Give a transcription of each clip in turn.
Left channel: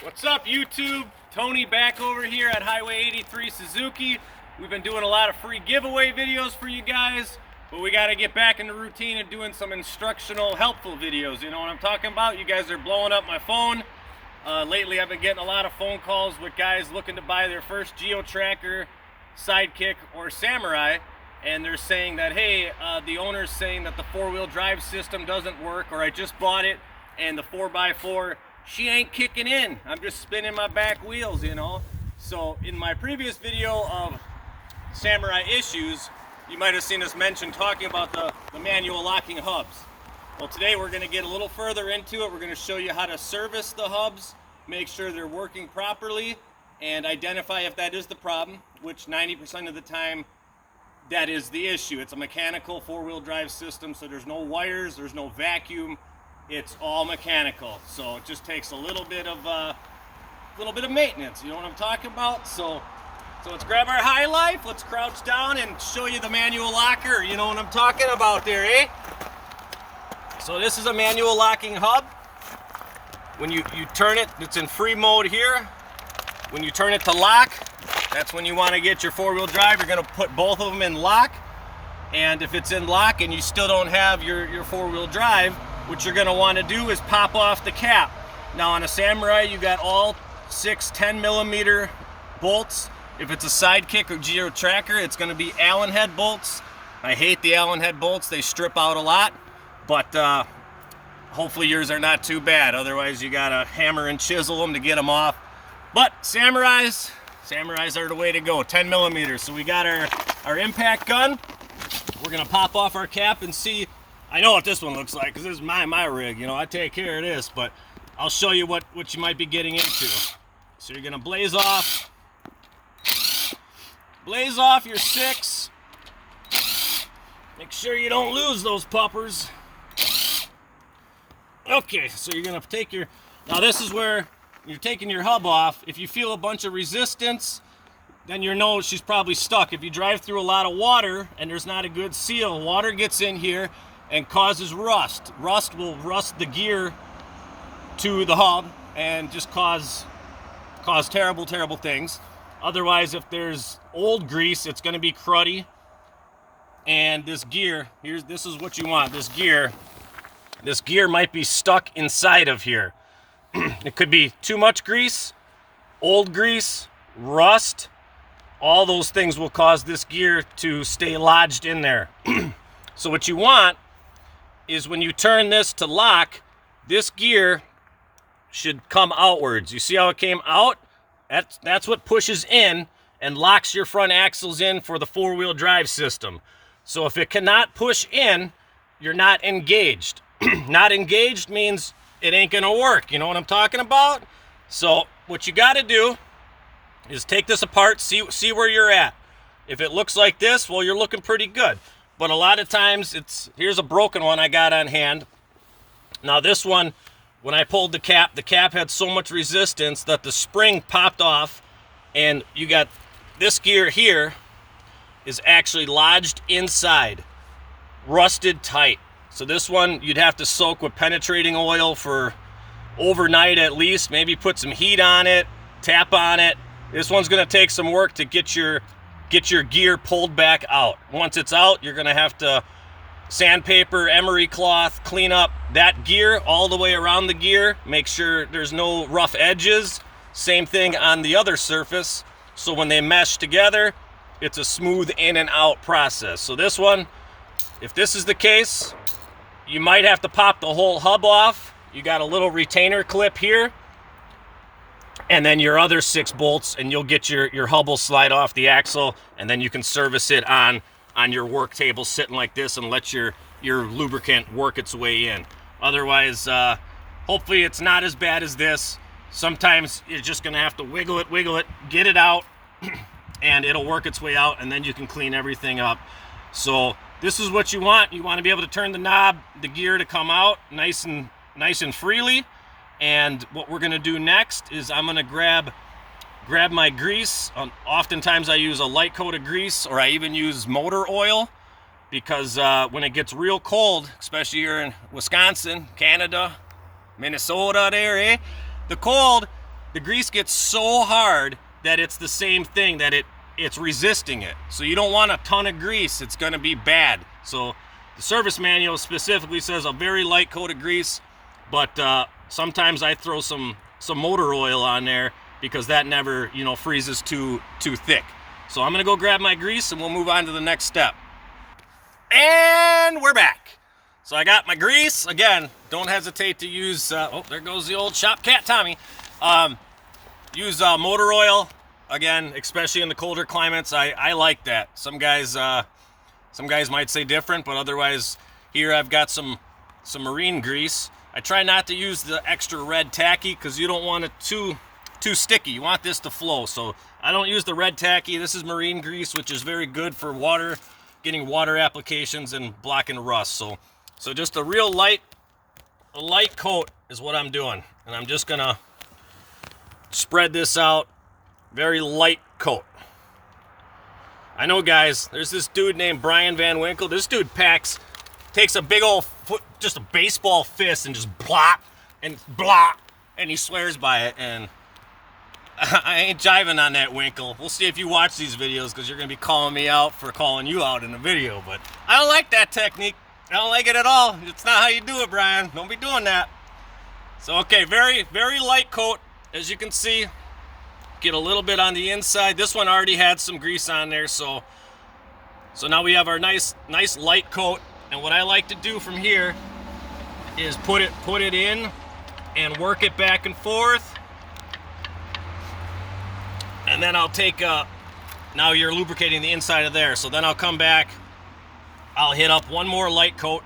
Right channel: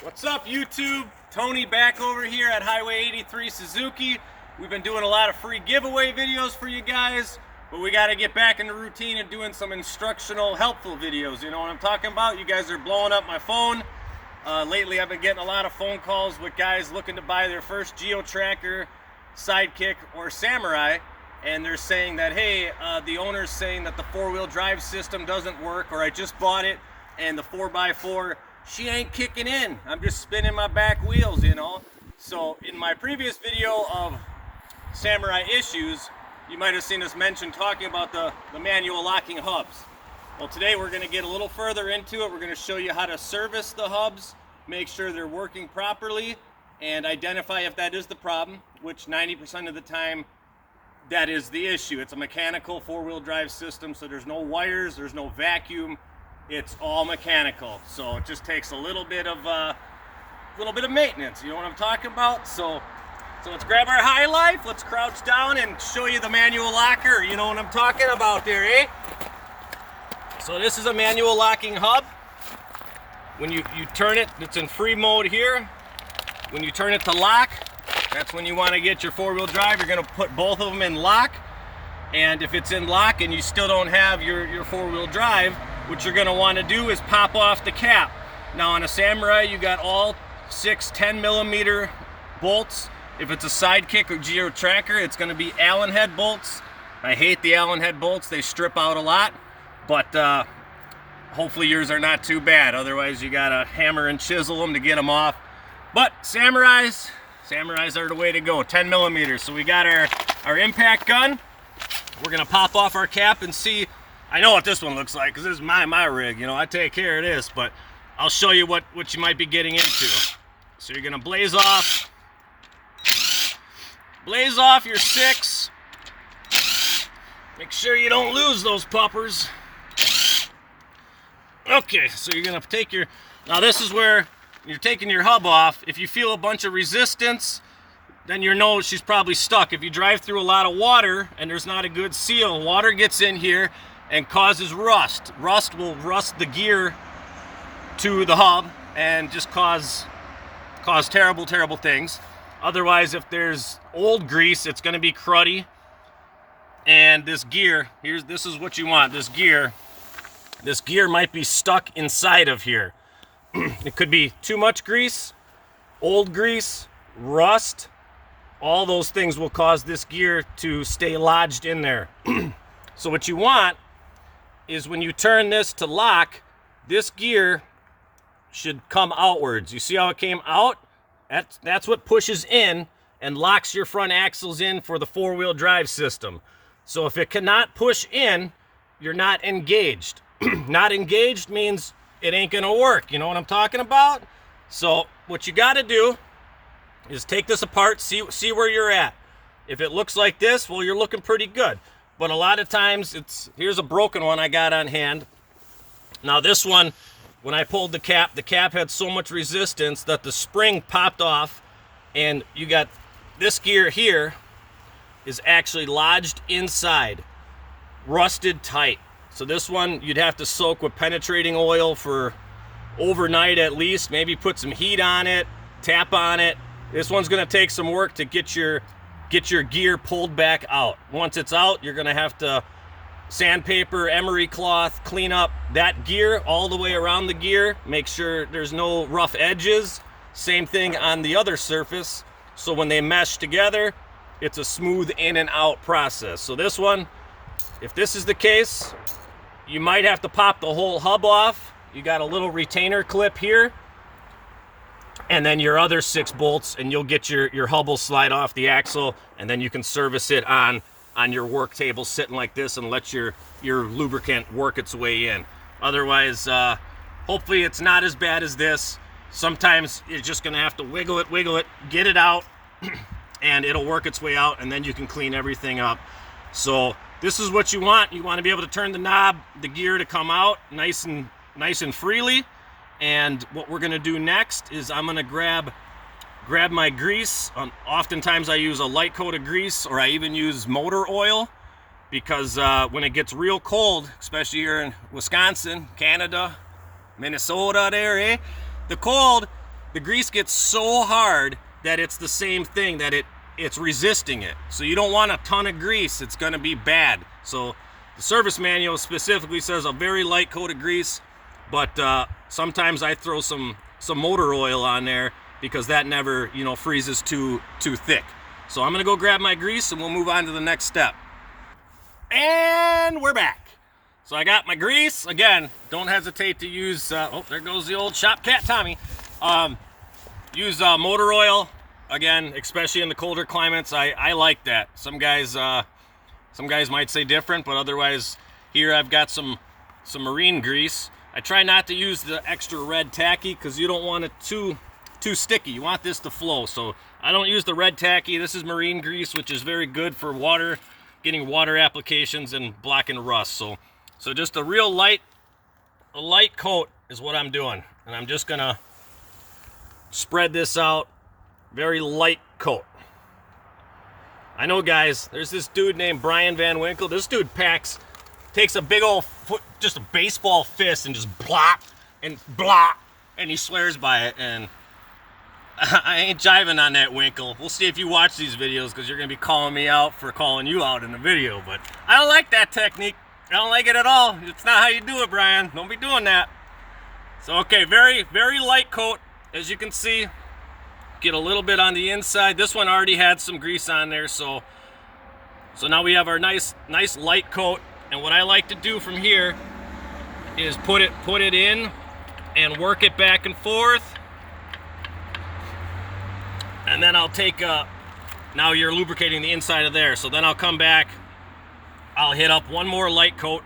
What's up, YouTube? Tony back over here at Highway 83 Suzuki. We've been doing a lot of free giveaway videos for you guys, but we got to get back in the routine of doing some instructional, helpful videos. You know what I'm talking about? You guys are blowing up my phone. Lately, I've been getting a lot of phone calls with guys looking to buy their first geo-tracker, Sidekick, or Samurai, and they're saying that, hey, the owner's saying that the four-wheel drive system doesn't work, or I just bought it and the 4x4, she ain't kicking in. I'm just spinning my back wheels, you know. So in my previous video of Samurai issues, you might have seen us mention talking about the manual locking hubs. Well, today we're going to get a little further into it. We're going to show you how to service the hubs, make sure they're working properly, and identify if that is the problem, which 90% of the time that is the issue. It's a mechanical four-wheel drive system, so there's no wires, there's no vacuum. It's all mechanical, so it just takes a little bit of maintenance. You know what I'm talking about? So let's grab our high life. Let's crouch down and show you the manual locker. You know what I'm talking about there, eh? So this is a manual locking hub. When you turn it, it's in free mode here. When you turn it to lock, that's when you want to get your four-wheel drive. You're going to put both of them in lock. And if it's in lock and you still don't have your four-wheel drive, what you're going to want to do is pop off the cap. Now on a Samurai, you got all 6 10mm bolts. If it's a Sidekick or Geo Tracker, it's going to be Allen head bolts. I hate the Allen head bolts. They strip out a lot, but hopefully yours are not too bad. Otherwise, you got to hammer and chisel them to get them off. But Samurais are the way to go, 10mm. So we got our impact gun. We're going to pop off our cap and see. I know what this one looks like because this is my rig. You know, I take care of this, but I'll show you what you might be getting into. So you're going to blaze off your 6. Make sure you don't lose those puppers. Okay, so you're going to take now this is where you're taking your hub off. If you feel a bunch of resistance, then you know she's probably stuck. If you drive through a lot of water and there's not a good seal, water gets in here and causes rust. Rust will rust the gear to the hub and just cause terrible things. Otherwise, if there's old grease, it's going to be cruddy. And this gear, this is what you want. This gear might be stuck inside of here. It could be too much grease, old grease, rust. All those things will cause this gear to stay lodged in there. So what you want is when you turn this to lock, this gear should come outwards. You see how it came out? That's what pushes in and locks your front axles in for the four-wheel drive system. So if it cannot push in, you're not engaged. Not engaged means it ain't gonna work. You know what I'm talking about? So what you gotta do is take this apart, see where you're at. If it looks like this, well, you're looking pretty good. But a lot of times here's a broken one I got on hand. Now this one, when I pulled the cap had so much resistance that the spring popped off, and you got this gear here is actually lodged inside, rusted tight. So this one you'd have to soak with penetrating oil for overnight at least, maybe put some heat on it, tap on it. This one's gonna take some work to get your gear pulled back out. Once it's out, you're gonna have to sandpaper, emery cloth, clean up that gear all the way around the gear, make sure there's no rough edges. Same thing on the other surface, so when they mesh together, it's a smooth in and out process. So this one, if this is the case, you might have to pop the whole hub off. You got a little retainer clip here, and then your other 6 bolts, and you'll get your hub will slide off the axle, and then you can service it on your work table sitting like this and let your lubricant work its way in. Otherwise, hopefully it's not as bad as this. Sometimes you're just gonna have to wiggle it, get it out, and it'll work its way out, and then you can clean everything up. So this is what you want. You want to be able to turn the knob, the gear to come out nice and freely. And what we're gonna do next is I'm gonna grab my grease. Oftentimes I use a light coat of grease, or I even use motor oil, because when it gets real cold, especially here in Wisconsin, Canada, Minnesota there, the cold, the grease gets so hard that it's the same thing, that it's resisting it. So you don't want a ton of grease, it's gonna be bad. So the service manual specifically says a very light coat of grease, but sometimes I throw some motor oil on there because that never, you know, freezes too thick. So I'm gonna go grab my grease and we'll move on to the next step. And we're back. So I got my grease. Again, don't hesitate to use, oh, there goes the old shop cat Tommy. Use motor oil. Again, especially in the colder climates, I like that. Some guys might say different, but otherwise, here I've got some marine grease. I try not to use the extra red tacky because you don't want it too sticky. You want this to flow. So I don't use the red tacky. This is marine grease, which is very good for water, getting water applications and blocking rust. So just a real light coat is what I'm doing, and I'm just gonna spread this out. Very light coat. I know, guys, there's this dude named Brian Van Winkle. This dude takes a big old foot, just a baseball fist, and just blop, and he swears by it, and I ain't jiving on that, Winkle. We'll see if you watch these videos, because you're going to be calling me out for calling you out in the video, but I don't like that technique. I don't like it at all. It's not how you do it, Brian. Don't be doing that. So, okay, very, very light coat, as you can see. Get a little bit on the inside. This one already had some grease on there, so now we have our nice light coat. And what I like to do from here is put it in and work it back and forth. And then I'll take now you're lubricating the inside of there. So then I'll come back, I'll hit up one more light coat,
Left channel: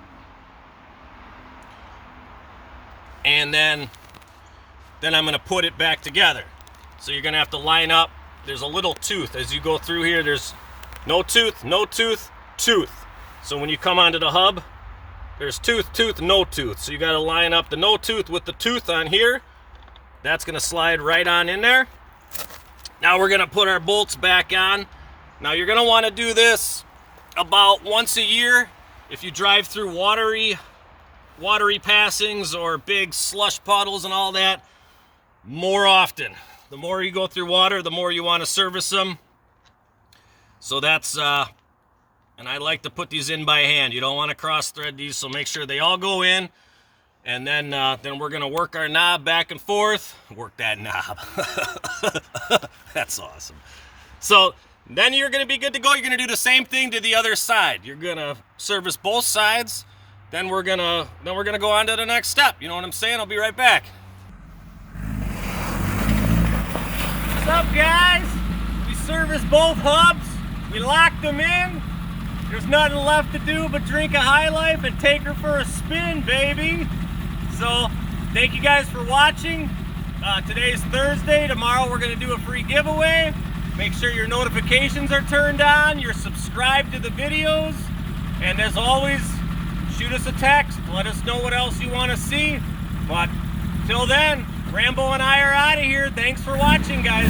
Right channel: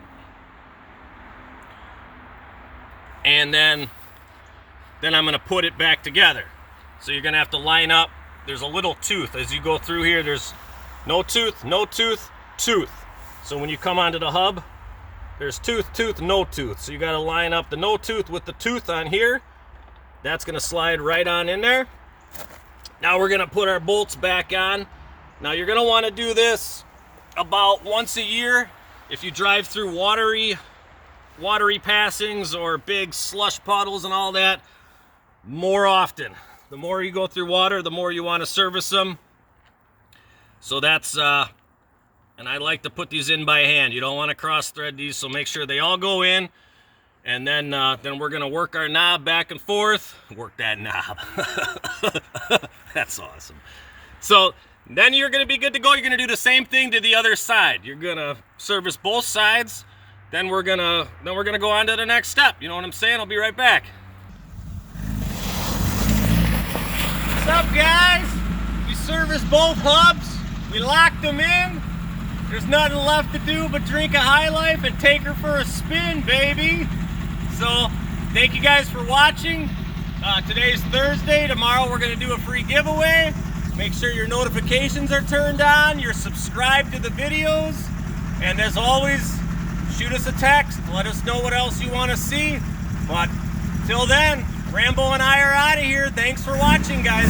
and then I'm gonna put it back together. So you're gonna have to line up. There's a little tooth as you go through here. There's no tooth, no tooth, tooth. So when you come onto the hub, there's tooth, tooth, no tooth. So you gotta line up the no tooth with the tooth on here. That's gonna slide right on in there. Now we're gonna put our bolts back on. Now you're gonna wanna do this about once a year. If you drive through watery passings or big slush puddles and all that, more often. The more you go through water, the more you wanna service them. So that's, and I like to put these in by hand. You don't wanna cross thread these, so make sure they all go in. And then we're gonna work our knob back and forth. Work that knob. That's awesome. So then you're gonna be good to go. You're gonna do the same thing to the other side. You're gonna service both sides. Then we're gonna go on to the next step. You know what I'm saying? I'll be right back. What's up, guys? We serviced both hubs. We locked them in. There's nothing left to do but drink a High Life and take her for a spin, baby. So, thank you guys for watching. Today's Thursday. Tomorrow we're going to do a free giveaway. Make sure your notifications are turned on. You're subscribed to the videos. And as always, shoot us a text. Let us know what else you want to see. But till then, Rambo and I are out of here. Thanks for watching, guys.